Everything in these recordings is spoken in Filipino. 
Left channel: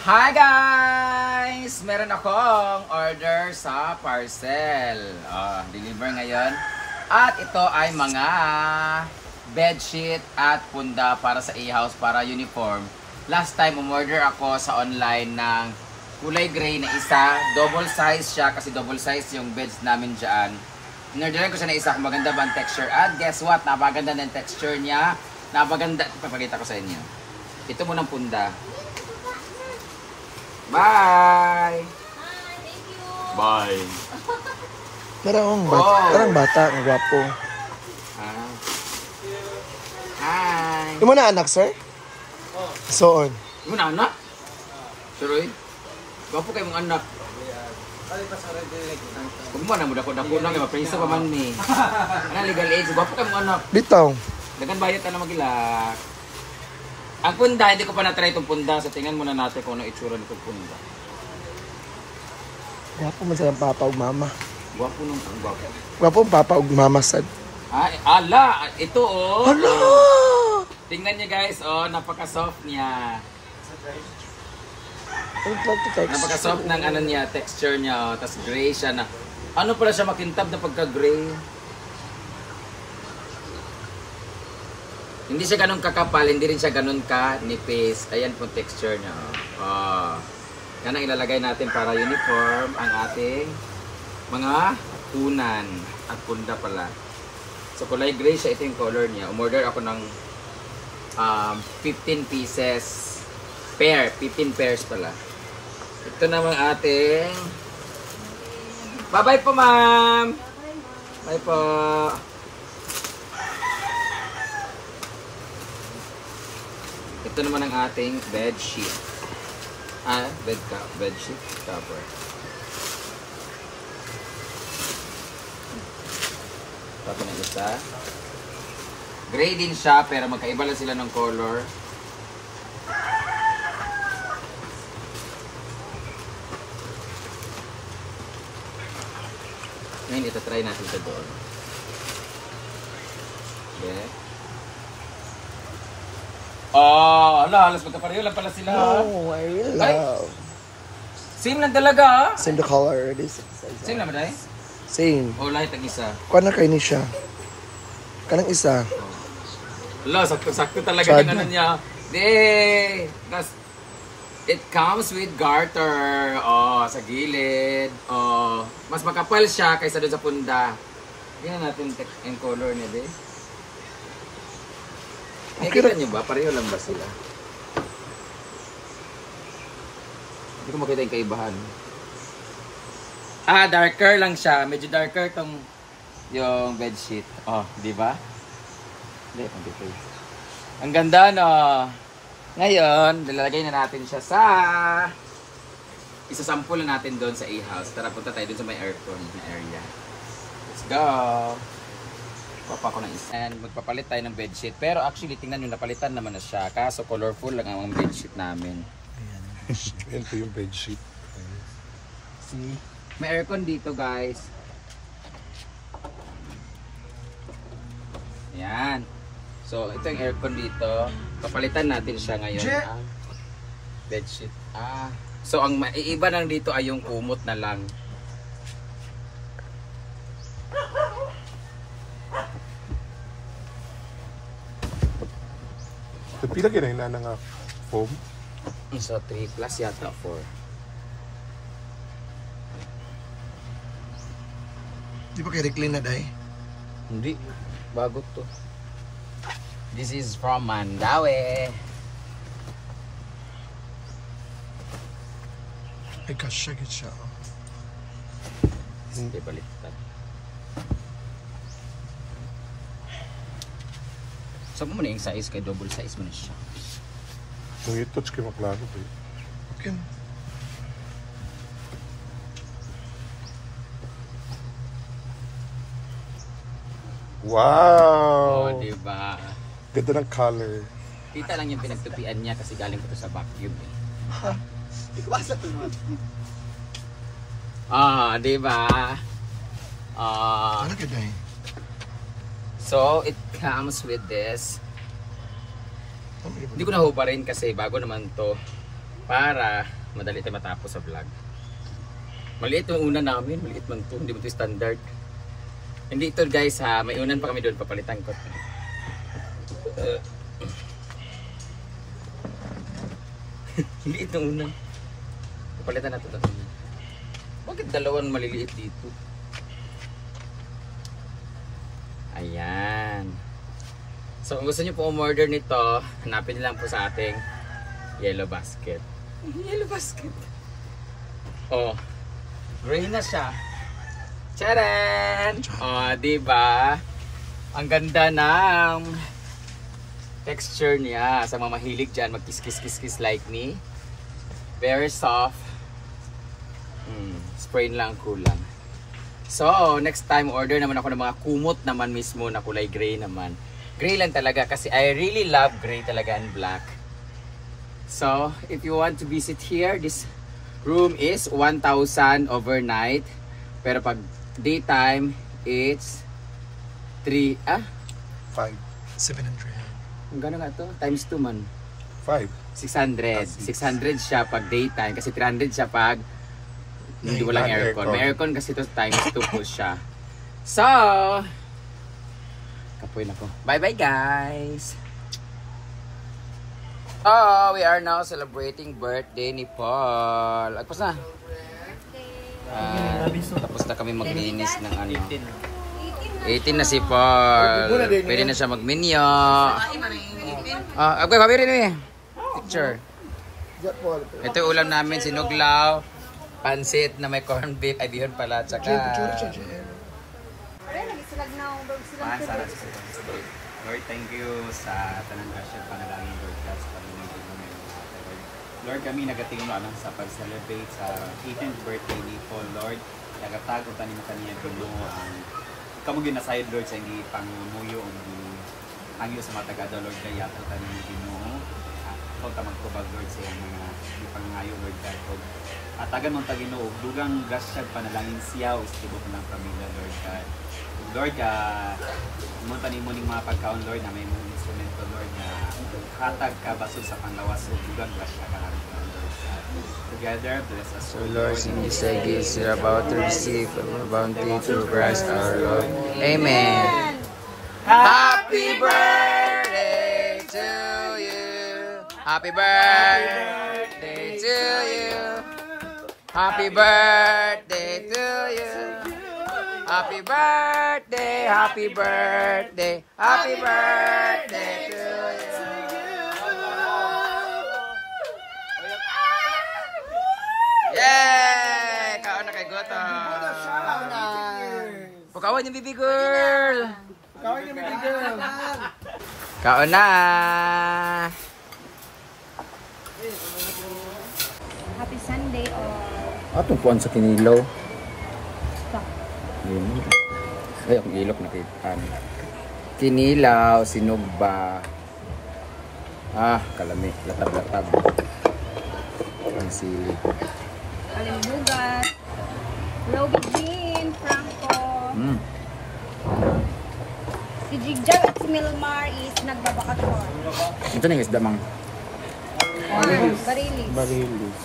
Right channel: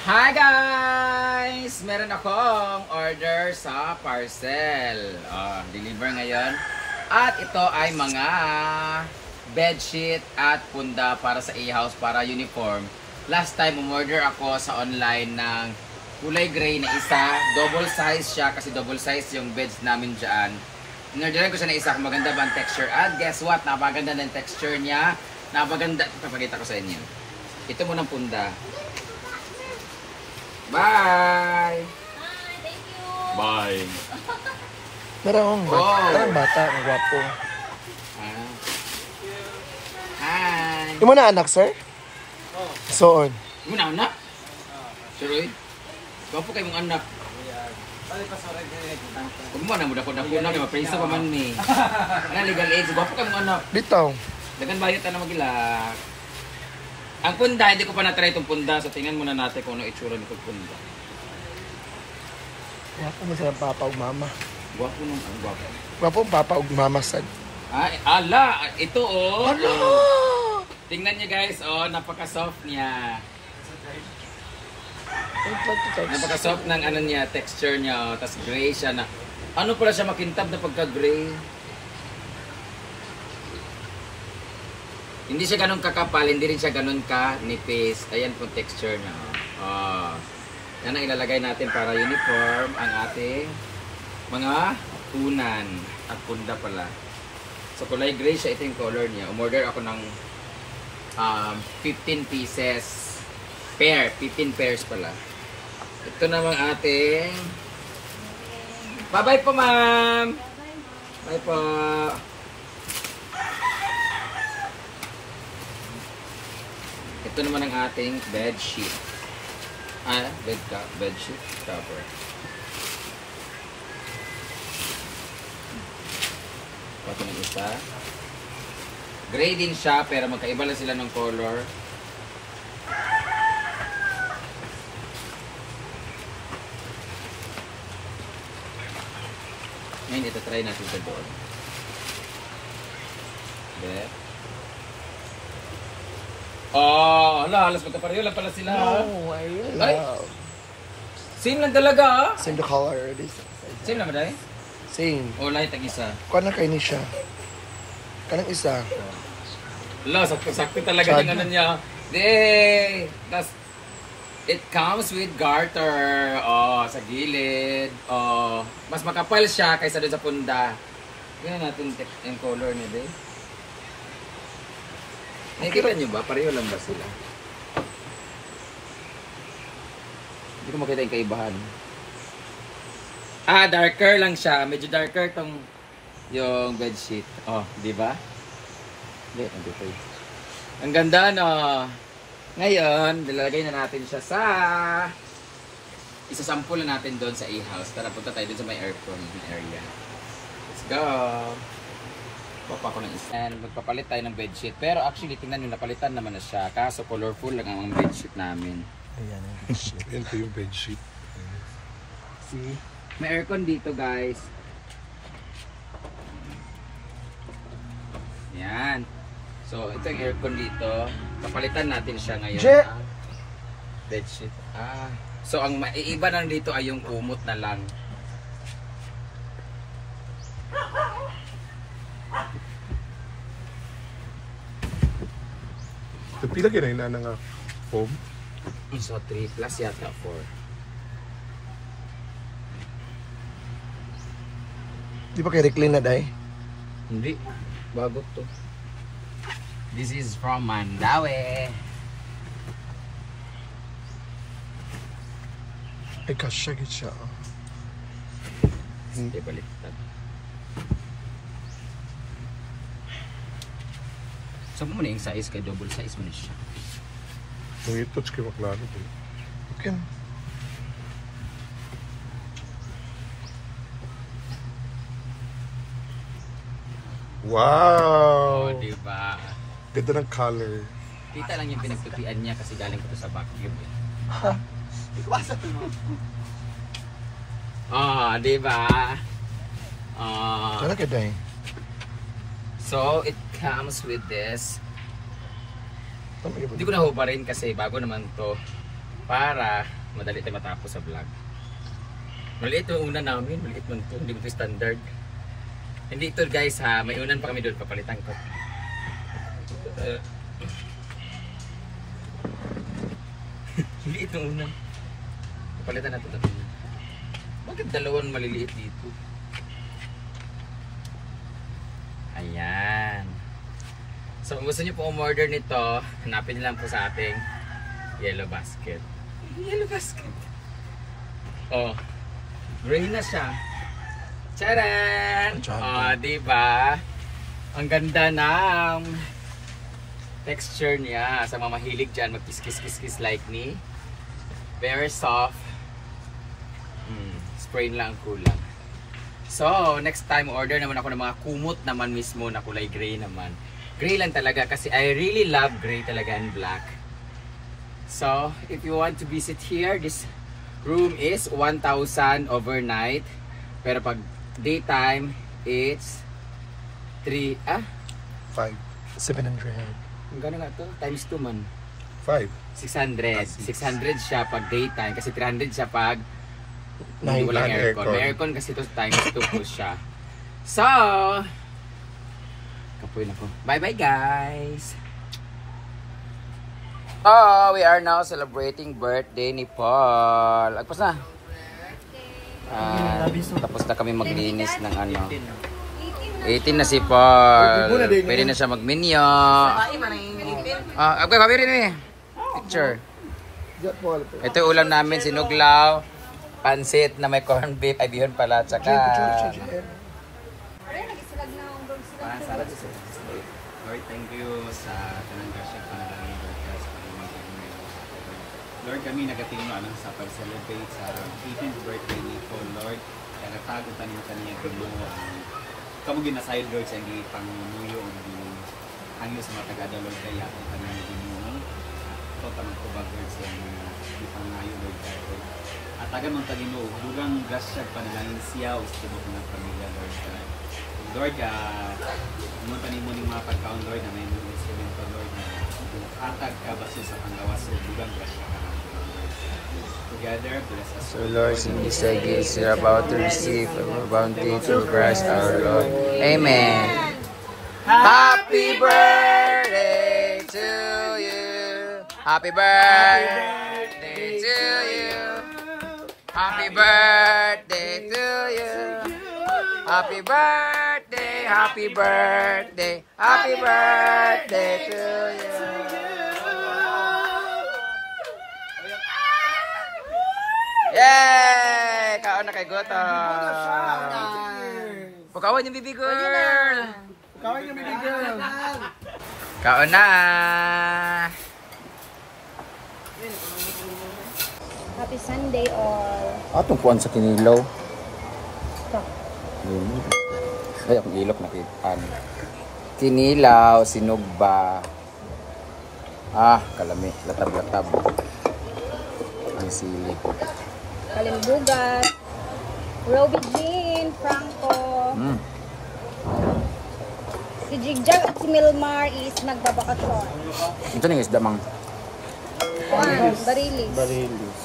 Hi guys! Meron akong order sa parcel. Deliver ngayon. At ito ay mga bedsheet at punda para sa e-house, para uniform. Last time umorder ako sa online ng kulay gray na isa. Double size siya kasi double size yung beds namin dyan. Inorderan ko siya na isa kung maganda ba ang texture. At guess what? Napaganda ng texture niya. Napaganda. Papakita ko sa inyo. Ito munang punda. Bye! Hi, thank you! Bye! Parang bata, ang gwapo. Hi! Yung mo na anak, sir? Soon. Yung mo na anak? Suroy? Gwapo kayo mong anak. Huwag mo na, mudako-dako na kayo, mapreso pa man ni. Ano, legal age, gwapo kayo mong anak. Bitaw. Dagan bayot na magilak. Ang punda, hindi ko pa na-try itong punda. So, tingnan muna natin kung ano itsura nitong punda. Gwapo man sa papa o mama. Gwapo nung ang gwapo. Gwapo ang papa o mama sad. Ay, ala! Ito oh! Hala! Tingnan niyo guys, oh, napaka-soft niya. Napaka-soft ng ano niya, texture niya, oh. Tapos gray siya na. Ano pala siya makintab na pagka-gray? Hindi siya ganun kakapal, hindi rin siya ganun ka-nipis. Ayan po texture niya. Oh. Yan ang ilalagay natin para uniform ang ating mga unan at punda pala. So kulay gray siya, ito yung color niya. Umorder ako ng 15 pieces pair, 15 pairs pala. Ito naman ating bye-bye po ma'am! Bye po! Ito naman ang ating bed sheet. Bed sheet cover. Pati ng isa. Gray din siya pero magkaiba lang sila ng color. Ngayon ito try natin ito doon. Bed. Halos magkapareho lang pala sila. Oh, I really love. Same lang talaga. Same the color already. Same lang ba dahil? Same. Light ang isa. Kuha na kayo ni siya. Kanang isa. Sakto talaga yung ano niya. Tas, it comes with garter. Sa gilid. Mas makapal siya kaysa doon sa punda. Tingnan natin yung color niya, be. Nakikita nyo ba? Pareho lang ba sila? Hindi ko makita yung kaibahan. Darker lang siya. Medyo darker tong yung bedsheet. Di ba? Hindi pa yun. Ang ganda, no? Ngayon, lalagay na natin siya sa isasample na natin doon sa e-house. Tara, punta tayo doon sa may aircon area. Let's go! Papa ko ng isa. And magpapalit tayo ng bedsheet. Pero actually, tingnan nyo, napalitan naman na siya. Kaso colorful lang ang bedsheet namin. Ayan ang bedsheet. Ito yung bedsheet. See? May aircon dito, guys. Yan. So, ito yung aircon dito. Papalitan natin siya ngayon. Bedsheet. So, ang maiiba lang dito ay yung kumot na lang. Pila ginay na nga foam? So, 3 plus yata 4. Di ba kay recline na dahi? Hindi. Bago to. This is from Mandawi. Ay, kasya git siya. Hindi baliktad. Sabi mo na yung size kay double size mo na siya. May touch kayo maklaro eh. Okay. Wow! Diba? Ganda ng color. Kita lang yung pinagtupian niya kasi galing ko to sa vacuum eh. Ikwasa to mo. Diba? Ano ka dahi? So, it comes with this. Hindi ko nahubarin kasi bago naman to. para madali tayo matapos sa vlog. Maliit yung una namin, maliit man ito, hindi mo ito standard. Hindi ito guys ha, may unan pa kami doon, papalitan ko. Hindi ito unan. Papalitan natin ito. Bakit dalawang maliliit dito? Ayan. So kung gusto nyo po umorder nito, hanapin nyo lang po sa ating yellow basket. Yellow basket. Oh, gray na siya. Tcharan! Oh, diba? Ang ganda ng texture niya. Sa mga mahilig dyan, mag-kiss-kiss-kiss like me. Very soft. Spray lang ang kulang. So, next time order naman ako ng mga kumot naman mismo na kulay gray naman. Gray lang talaga kasi I really love gray talaga and black. So, if you want to visit here, this room is 1,000 overnight. Pero pag daytime, it's 700. Ang gano'n nga ito? Times 2 man. 5. 600. 600 siya pag daytime kasi 300 siya pag hindi walang aircon. May aircon kasi ito times 2 po siya. So, kapoy na po. Bye-bye guys! Oh, we are now celebrating birthday ni Paul. Agpas na. Tapos na kami maglinis ng ano. 18 na si Paul. Pwede na siya magminyo. Agay, pabirin mo eh. Picture. Ito yung ulam namin, sinuglaw, pansit na may corned beef, ay bihon pala, tsaka Lord, thank you sa tanang kasya panalangin, Lord, sa pag-ibig mo. Lord, kami nagatingin ano sa pag-celebrate sa 18th birthday ni Paul, Lord. Nagatago pa nila kaniya dulo ang kamo ginasayod, Lord, sa hindi pangmuyo o angyo sa mga tagado, Lord, kaya yato pa nila Ginoo. Ito tamang kubag, Lord, sa mga hindi pangayo, Lord, God. At tagan mong Ginoo, dugang grasya panalangin siya o istibok ng pamilya, Lord, God. Lord, munta ni mo ng mga pagkaon, Lord, na may mga instrumento, Lord, na hatag ka baso sa panglawas o dugang grasya ka, Lord, God. Together, bless us, Lord, in this day gifts we are about to receive our bounty through Christ our Lord. Amen. Happy birthday to you. Happy birthday to you. Happy birthday to you. Happy birthday, happy birthday, happy birthday to you. Yay! Kaon na kay Goto. Pakawan yung baby girl. Kawin yung baby girl. Kaon na. Happy Sunday all. Atong puan sa kinilaw. Stop. Ay, akong ilok nakitaan. Kinilaw, sinugba. Kalami. Latab-latab. Ang sili. Kalimbugat. Roby Jean, Franco. Si Jigjag at si Milmar is nagbabakasyon. Ito na yung isda, mang. Barilis.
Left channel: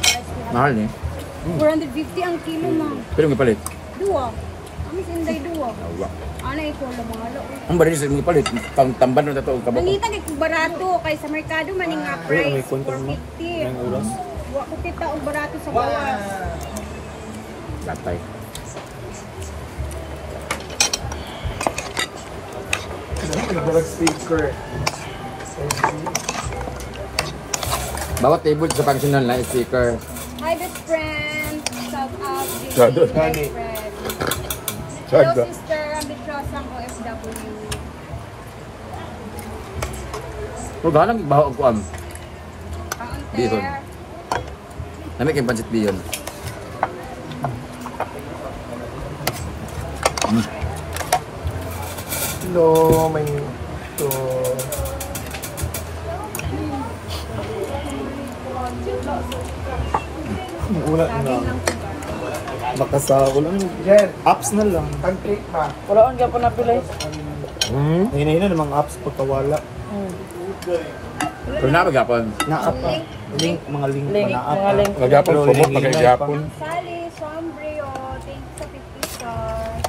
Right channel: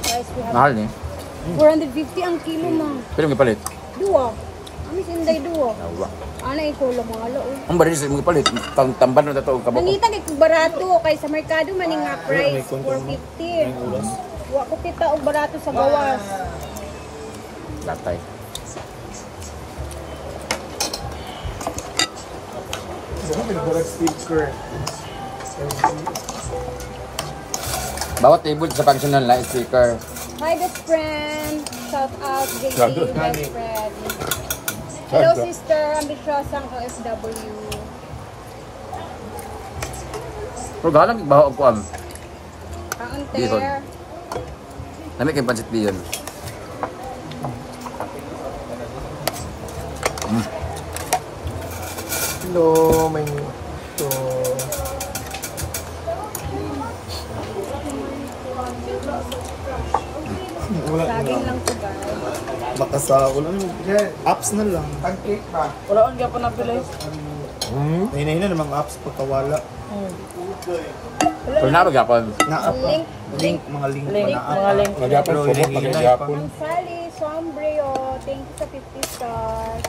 Guys, we have Mahal ni. 450 ang kilo, ma. Pero may palit. Dua. Amis inday dua. Nawa. Ana ito lang mga laoy. Ang barilis may palit. Tamban na ito. Kabako. Nangita kay barato kay sa merkado man nga price 450. Wa ko kita og barato sa gawas. Latay. Sticker. Bawat table sa functional na sticker. Hi best friend. Shout out best Shadow. friend. Hello sister, ambitiosang OFW. Pero galang baho ako am. Bihon. Counter. Nami kay pancit bihon. Hello, may ito. Ulan na. Laging lang ko ba? Baka sa ulan, apps na lang. Pancake na. Wala on gyapon na pilay. Hina-hina namang apps pagkawala. Pero napagapon. Naap pa. Link, mga link pa naap. Mga link. Nagyapon Pero po mo, hinihingay pagkagapon. Ang Sally, Sombrio, thank you sa 50 stars.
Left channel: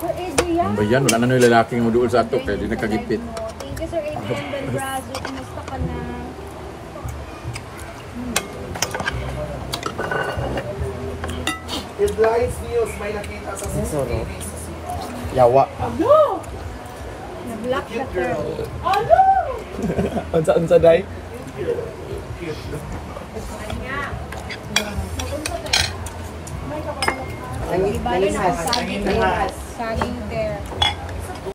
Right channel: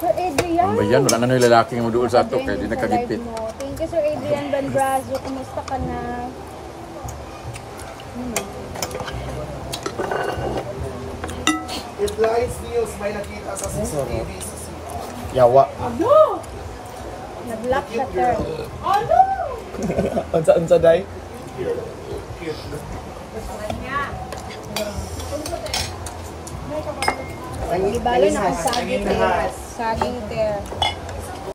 Sir Adrian. Ang bayan, wala na nung lalaki nga maduol sa ato, kaya di nakagipit. Thank you Sir Adrian Bandrazo, kumusta ka na? Headlines news, may nakita sa CCTV. Yawa. Nag-lock sa girl. Unsa day? Di ba yun ang saging there? Saging there.